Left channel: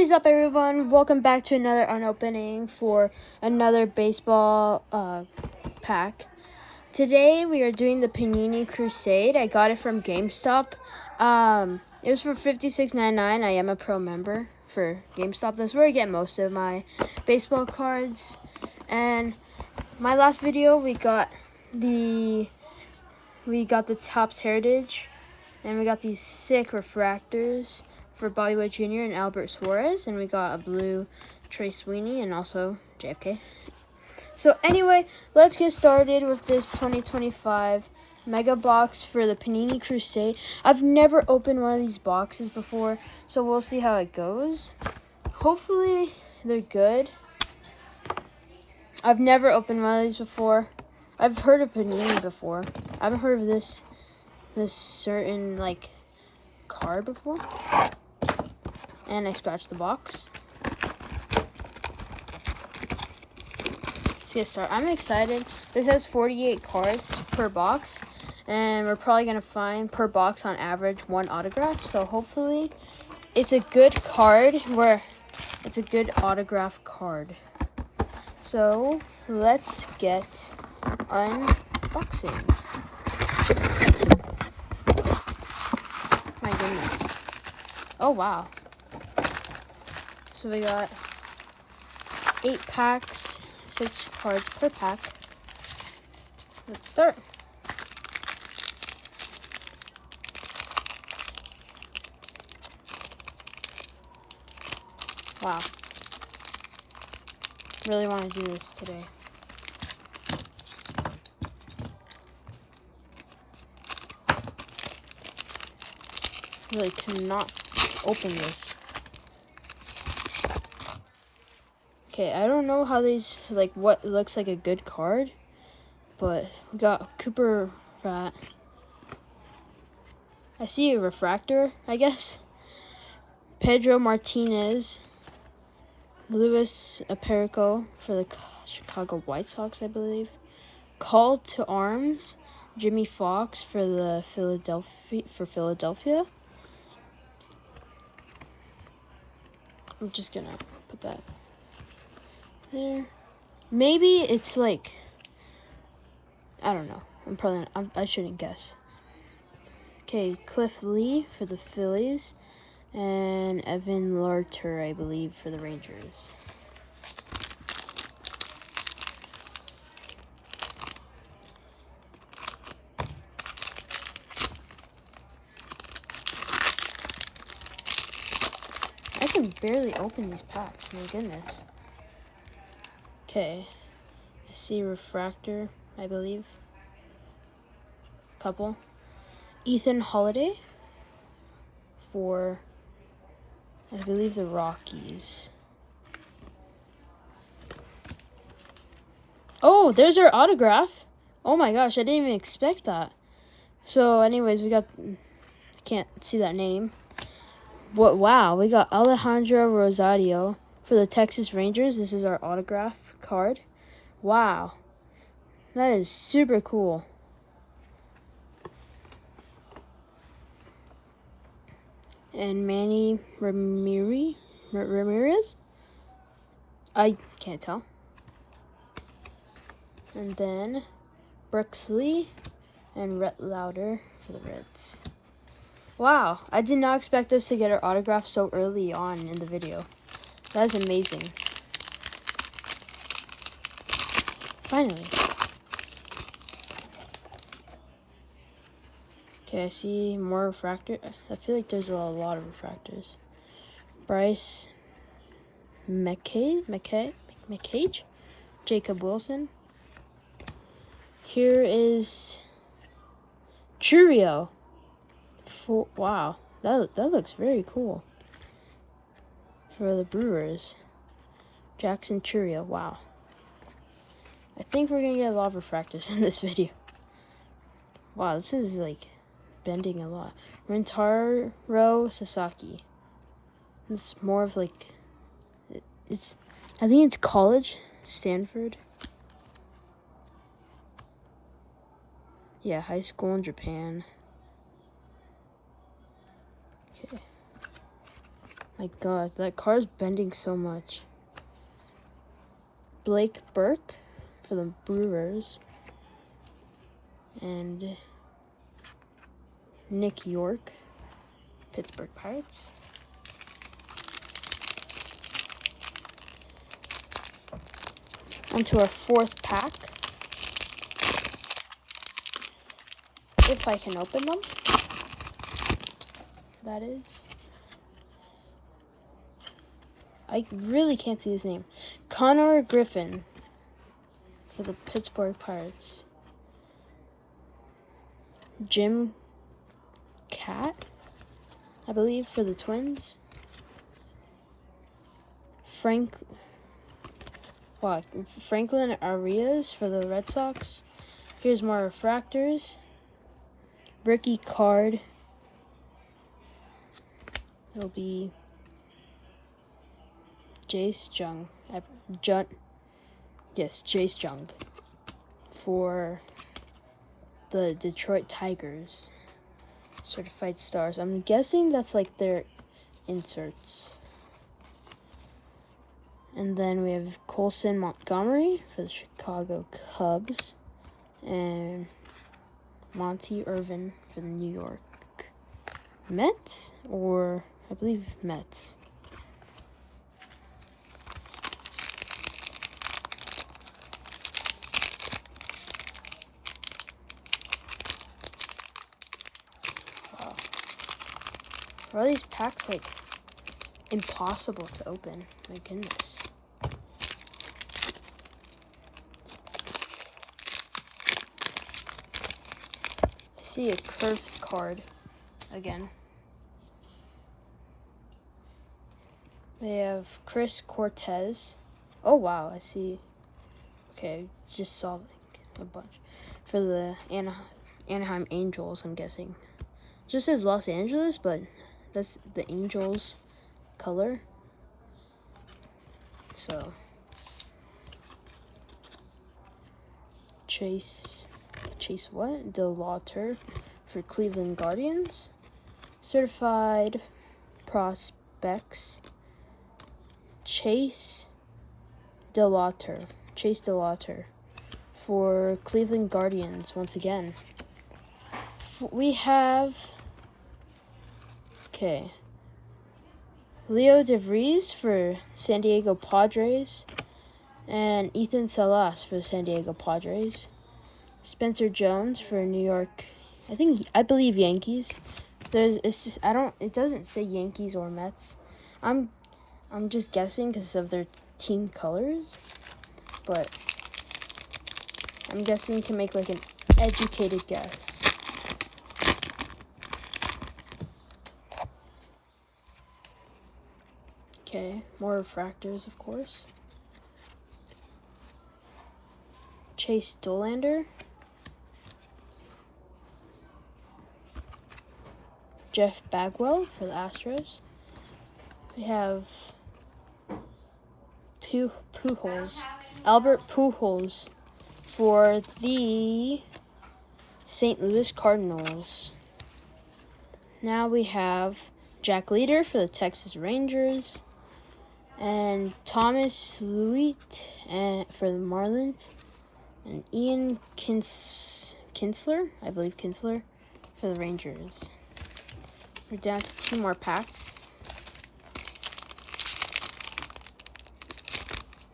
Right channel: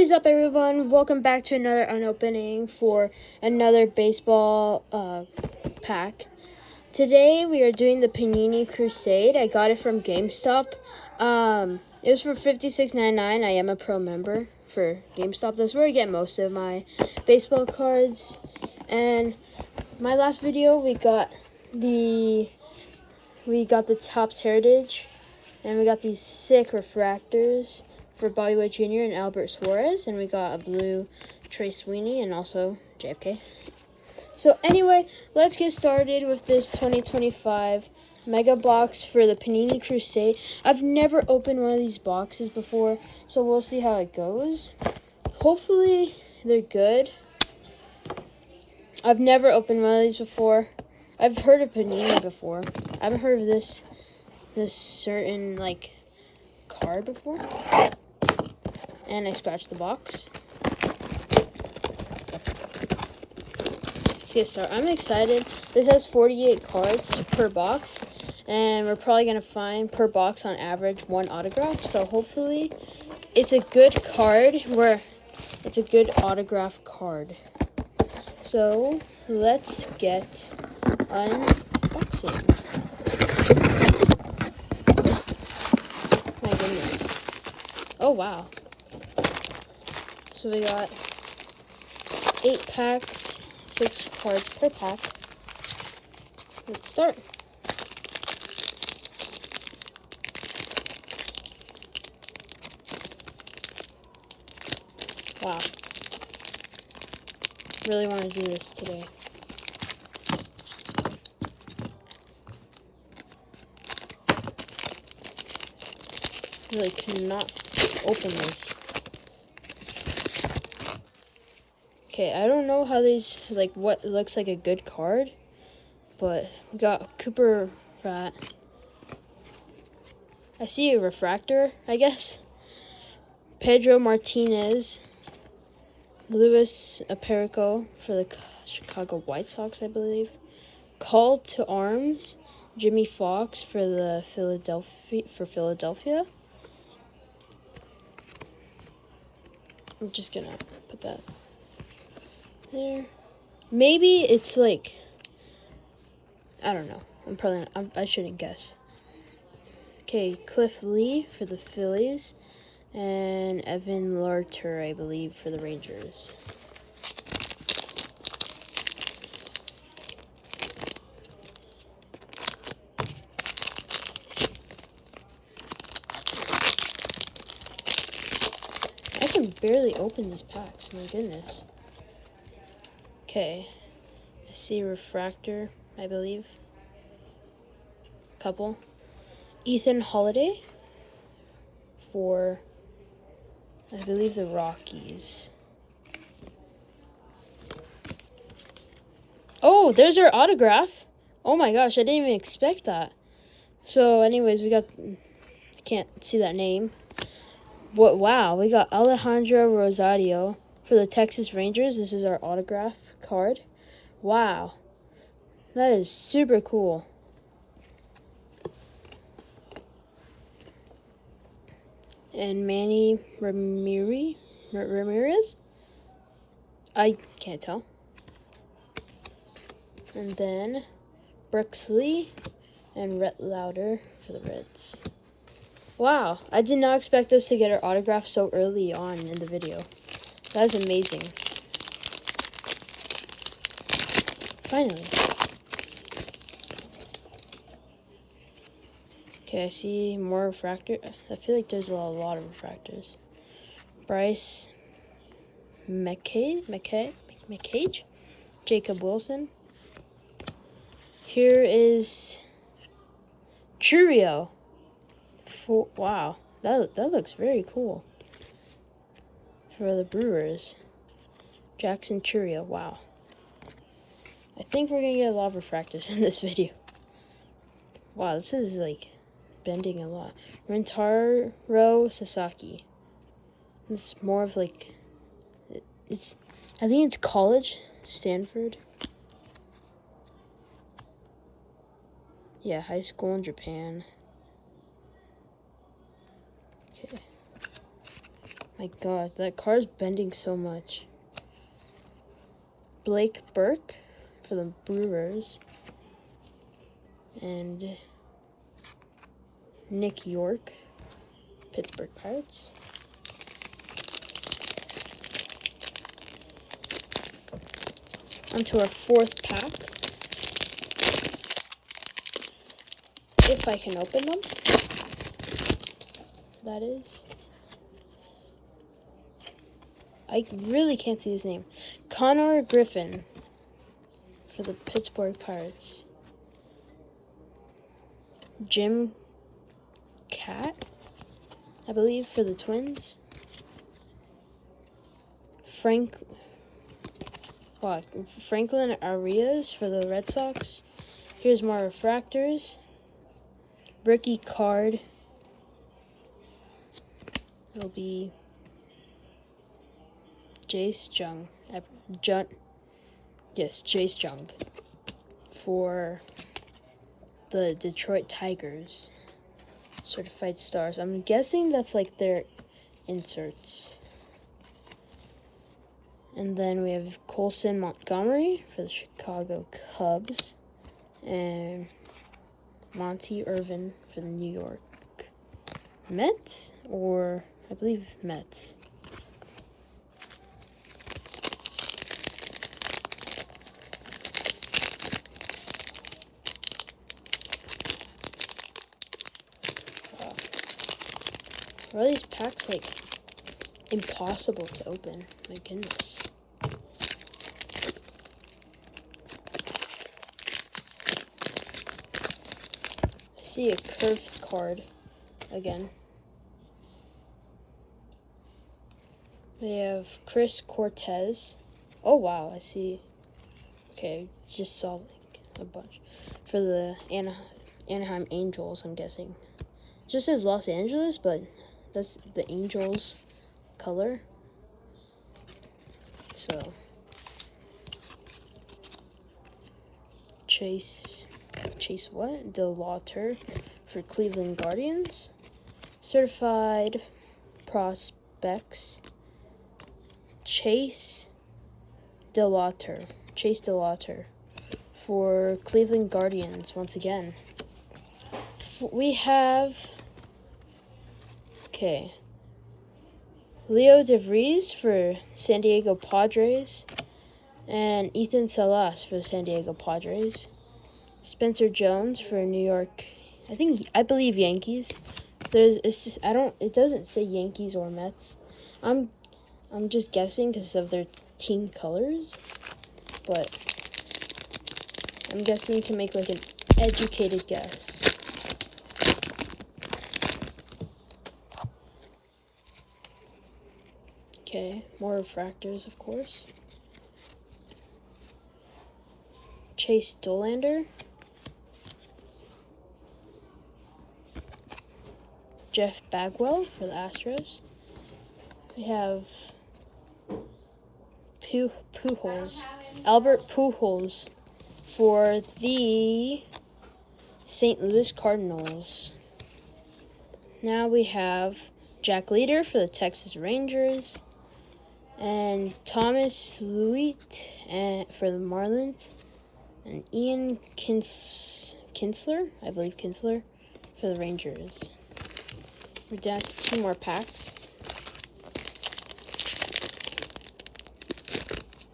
What is up, everyone? Welcome back to another unopening for another baseball pack. Today we are doing the Panini Crusade. I got it from GameStop. It was for $56.99. I am a pro member for GameStop. That's where I get most of my baseball cards. And my last video, we got the Topps Heritage, and we got these sick refractors for Bobby Witt Jr. and Albert Suarez, and we got a blue Trey Sweeney and also JFK. So anyway, let's get started with this 2025 Mega Box for the Panini Crusade. I've never opened one of these boxes before, so we'll see how it goes. Hopefully they're good. I've never opened one of these before. I've heard of Panini before. I haven't heard of this certain card before. And I scratched the box. Let's get started. I'm excited. This has 48 cards per box, and we're probably gonna find per box on average one autograph. So hopefully it's a good card it's a good autograph card. So let's get unboxing. My goodness. Oh wow. So we got 8 packs, 6 cards per pack. Let's start. Wow. Really want to do this today. Really cannot open this. Okay, I don't know how these, what looks like a good card, but we got Cooper Rat. I see a refractor, I guess. Pedro Martinez. Luis Aparico for the Chicago White Sox, I believe. Call to Arms. Jimmy Fox for the Philadelphia. I'm just gonna put that there. Maybe it's I don't know. I shouldn't guess. Okay, Cliff Lee for the Phillies, and Evan Larter, I believe, for the Rangers. I can barely open these packs, my goodness. Okay, I see refractor, I believe. Couple. Ethan Holiday for, I believe, the Rockies. Oh, there's our autograph. Oh my gosh, I didn't even expect that. So anyways, we got, I can't see that name. But wow, we got Alejandro Rosario for the Texas Rangers. This is our autograph card. Wow, that is super cool. And Manny Ramirez? I can't tell. And then Brooks Lee and Rhett Lauder for the Reds. Wow, I did not expect us to get our autograph so early on in the video. That was amazing. Finally. Okay, I see more refractor. I feel like there's a lot of refractors. Bryce McCage, Jacob Wilson. Here is Churio. Wow, that looks very cool. For the Brewers, Jackson Churio. Wow. I think we're gonna get a lot of refractors in this video. Wow, this is bending a lot. Rintaro Sasaki. It's more of I think it's college, Stanford. Yeah, high school in Japan. Okay. My God, that car's bending so much. Blake Burke for the Brewers. And Nick York, Pittsburgh Pirates. Onto our fourth pack. If I can open them. That is. I really can't see his name. Connor Griffin for the Pittsburgh Pirates. Jim Cat, I believe, for the Twins. Franklin Arias for the Red Sox. Here's more refractors. Rookie card. It'll be Jace Jung. Jace Jung for the Detroit Tigers. Certified stars. I'm guessing that's like their inserts. And then we have Colson Montgomery for the Chicago Cubs. And Monty Irvin for the New York Mets. Or, I believe, Mets. Wow. Are these packs, like, impossible to open? My goodness. I see a curved card again. We have Chris Cortez. Oh wow, I see. Okay, just saw like a bunch for the Anaheim Angels. I'm guessing. Just says Los Angeles, but that's the Angels color. So Chase what? DeLauter for Cleveland Guardians. Certified prospects. Chase DeLauter for Cleveland Guardians once again. We have Leo DeVries for San Diego Padres and Ethan Salas for San Diego Padres. Spencer Jones for New York. I believe Yankees. It doesn't say Yankees or Mets. I'm just guessing because of their team colors, but I'm guessing you can make like an educated guess. Okay, more refractors, of course. Chase Dollander. Jeff Bagwell for the Astros. We have Albert Pujols for the St. Louis Cardinals. Now we have Jack Leader for the Texas Rangers and Thomas Lewitt for the Marlins and Ian Kinsler, I believe Kinsler, for the Rangers. We're down to 2 more packs.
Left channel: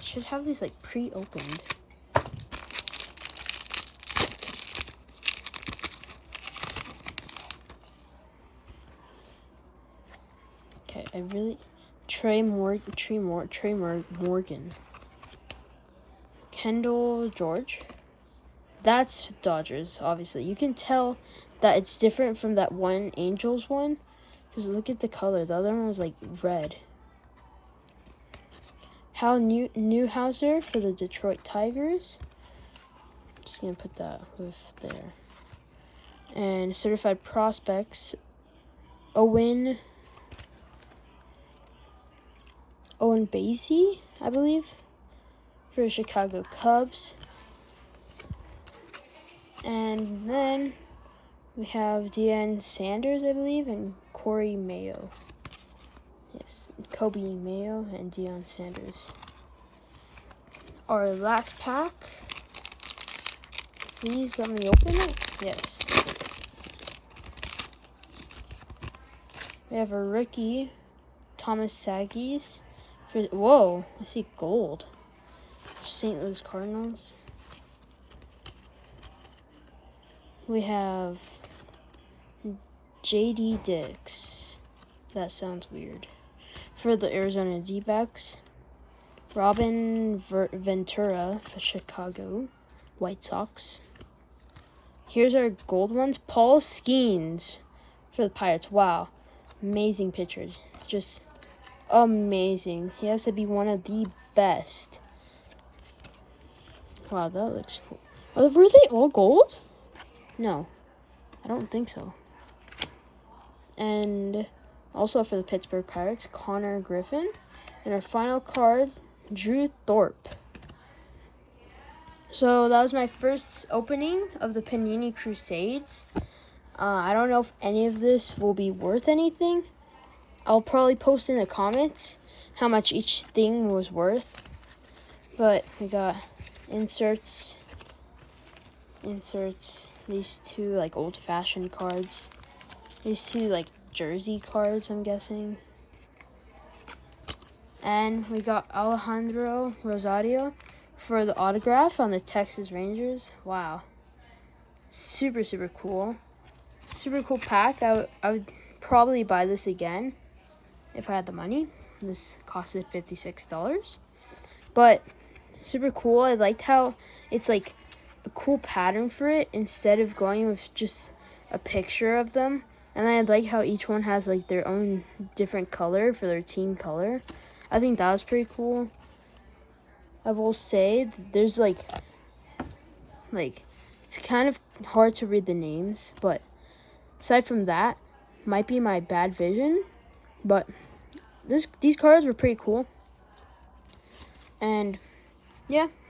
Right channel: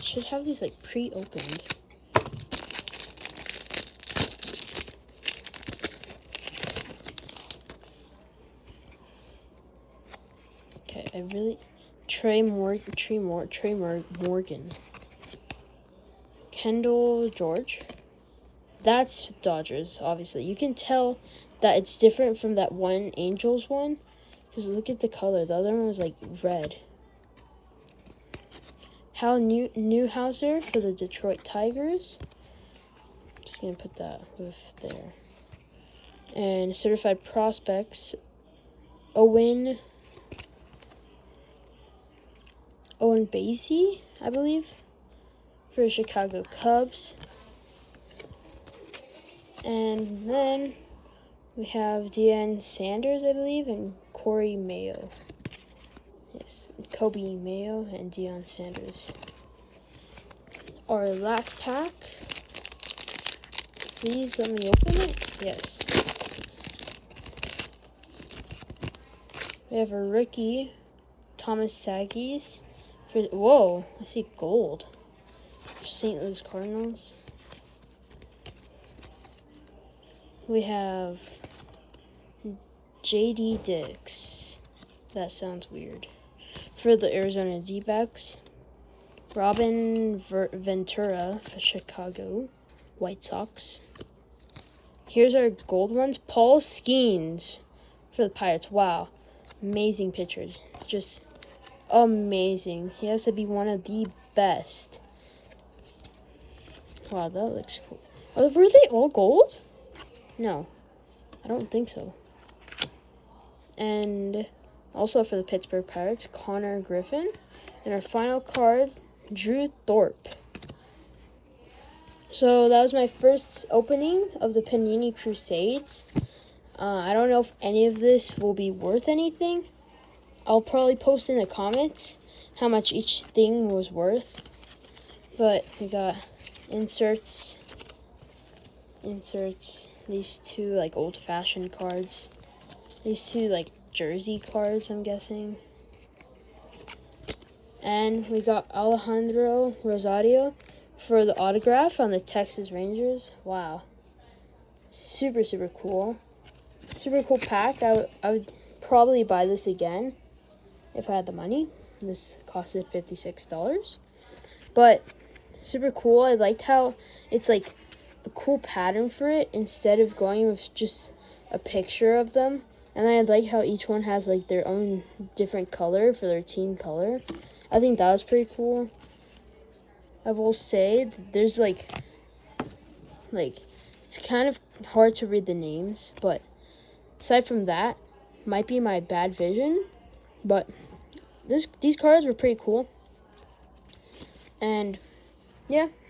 Should have these like pre-opened. Okay, Trey Morgan. Kendall George. That's Dodgers, obviously. You can tell that it's different from that one Angels one. Because look at the color. The other one was like red. Hal Newhouser for the Detroit Tigers. Just going to put that with there. And certified prospects. Owen Basie, I believe, for the Chicago Cubs. And then we have Deion Sanders, I believe, and Corey Mayo. Yeah. Kobe Mayo and Deion Sanders. Our last pack. Please let me open it. Yes. We have a rookie, Thomas Saggies. Whoa, I see gold. St. Louis Cardinals. We have J.D. Dix. That sounds weird. For the Arizona D-backs. Robin Ventura for Chicago White Sox. Here's our gold ones. Paul Skeens for the Pirates. Wow. Amazing pitcher. It's just amazing. He has to be one of the best. Wow, that looks cool. Oh, were they all gold? No, I don't think so. And also for the Pittsburgh Pirates, Connor Griffin. And our final card, Drew Thorpe. So that was my first opening of the Panini Crusades. I don't know if any of this will be worth anything. I'll probably post in the comments how much each thing was worth. But we got inserts, these two like old-fashioned cards, these two like jersey cards, I'm guessing. And we got Alejandro Rosario for the autograph on the Texas Rangers. Wow. Super, super cool. Super cool pack. I would probably buy this again if I had the money. This costed $56. But super cool. I liked how it's like a cool pattern for it instead of going with just a picture of them. And I like how each one has like their own different color for their team color. I think that was pretty cool. I will say there's like it's kind of hard to read the names, but aside from that, might be my bad vision, but these cards were pretty cool. And yeah.